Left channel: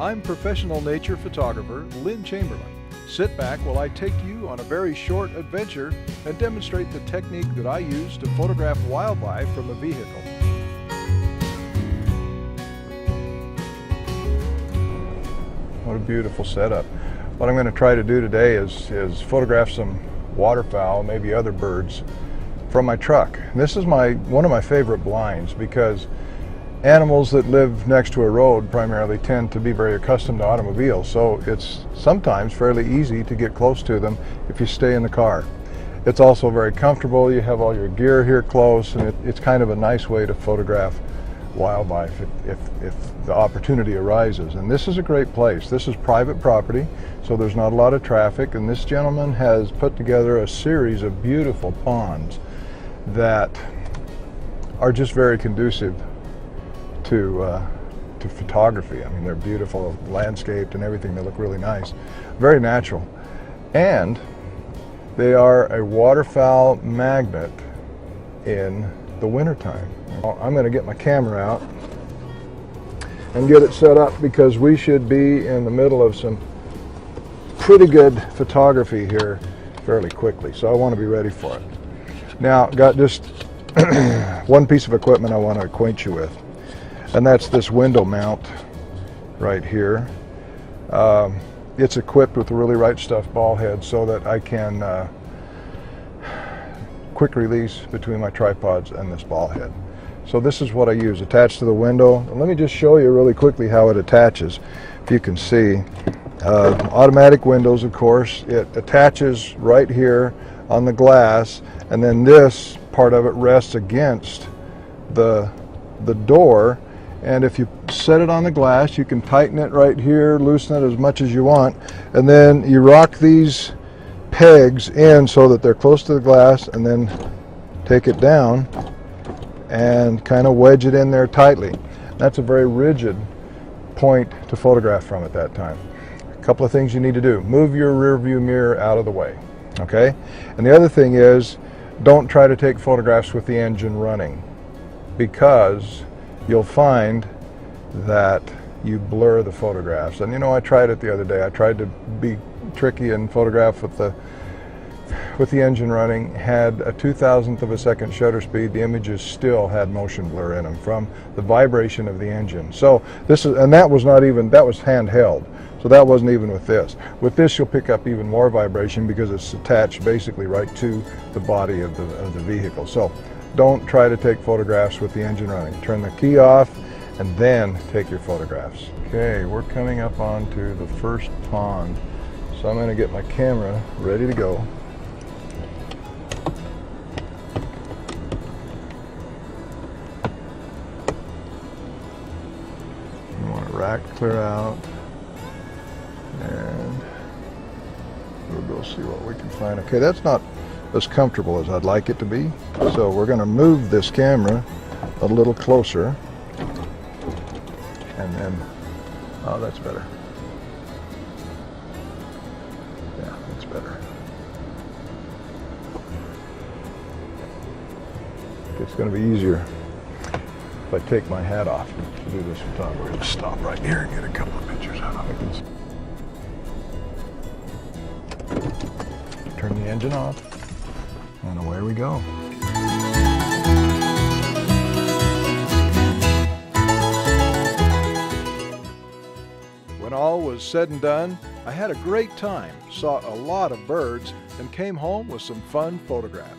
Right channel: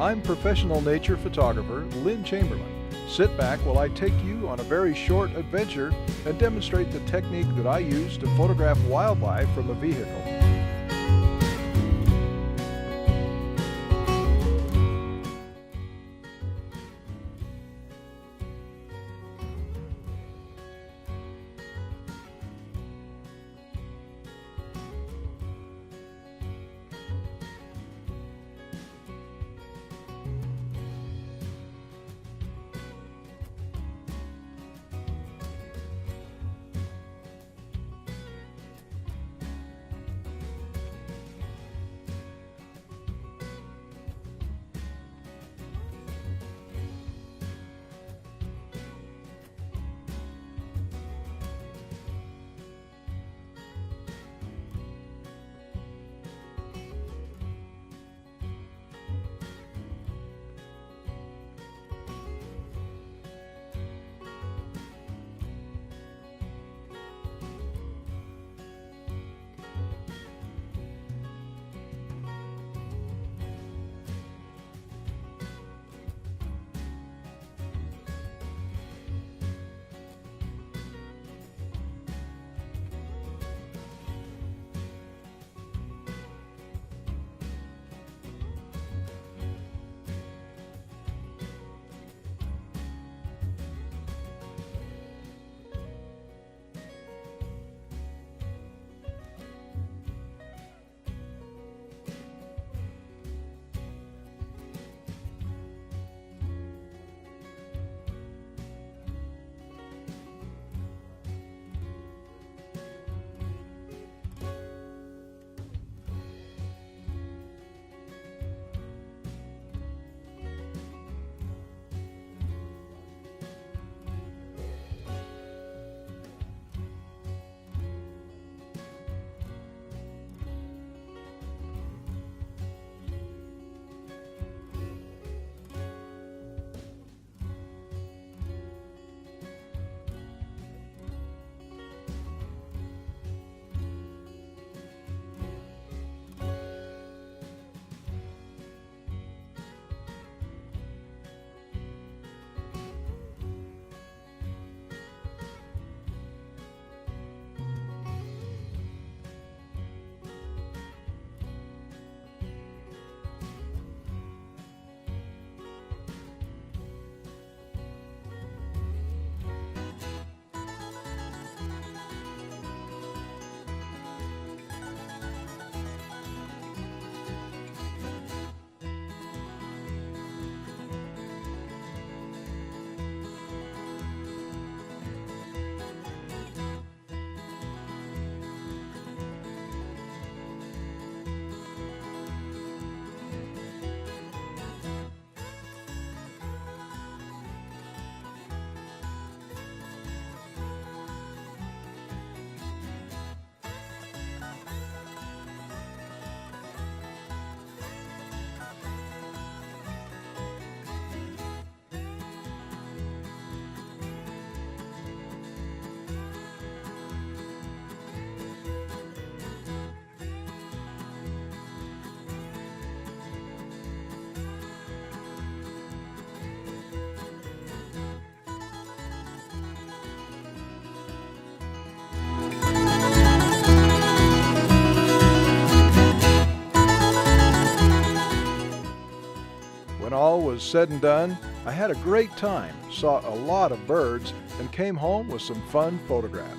I'm professional nature photographer Lynn Chamberlain. Sit back while I take you on a very short adventure and demonstrate the technique that I use to photograph wildlife from a vehicle. What a beautiful setup. What I'm going to try to do today is photograph some waterfowl, maybe other birds, from my truck. This is one of my favorite blinds because animals that live next to a road primarily tend to be very accustomed to automobiles, so it's sometimes fairly easy to get close to them if you stay in the car. It's also very comfortable. You have all your gear here close, and it's kind of a nice way to photograph wildlife if the opportunity arises. And this is a great place. This is private property, so there's not a lot of traffic, and this gentleman has put together a series of beautiful ponds that are just very conducive to photography. I mean, they're beautiful, landscaped and everything. They look really nice, very natural, and they are a waterfowl magnet in the wintertime. I'm going to get my camera out and get it set up because we should be in the middle of some pretty good photography here fairly quickly, so I want to be ready for it. Now, got just one piece of equipment I want to acquaint you with, and that's this window mount right here. It's equipped with a really right stuff ball head so that I can quick release between my tripods and this ball head. So this is what I use attached to the window. And let me just show you really quickly how it attaches. If you can see, automatic windows, of course, it attaches right here on the glass, and then this part of it rests against the door. And if you set it on the glass, you can tighten it right here, loosen it as much as you want, and then you rock these pegs in so that they're close to the glass, and then take it down and kind of wedge it in there tightly. That's a very rigid point to photograph from at that time. A couple of things you need to do. Move your rear view mirror out of the way, okay? And the other thing is, don't try to take photographs with the engine running, because you'll find that you blur the photographs. And you know, I tried it the other day. I tried to be tricky and photograph with the engine running. Had a 2,000th of a second shutter speed. The images still had motion blur in them from the vibration of the engine. So this is, and that was handheld. So that wasn't even with this. With this, you'll pick up even more vibration because it's attached basically right to the body of the vehicle. So don't try to take photographs with the engine running. Turn the key off and then take your photographs. Okay, we're coming up onto the first pond. So I'm going to get my camera ready to go. I want to rack clear out, and we'll go see what we can find. Okay, that's not as comfortable as I'd like it to be, so we're going to move this camera a little closer, and then, oh, that's better. Yeah, that's better. It's going to be easier if I take my hat off to do this photography. We're going to stop right here and get a couple of pictures out of it. Turn the engine off. And away we go. When all was said and done, I had a great time, saw a lot of birds, and came home with some fun photographs.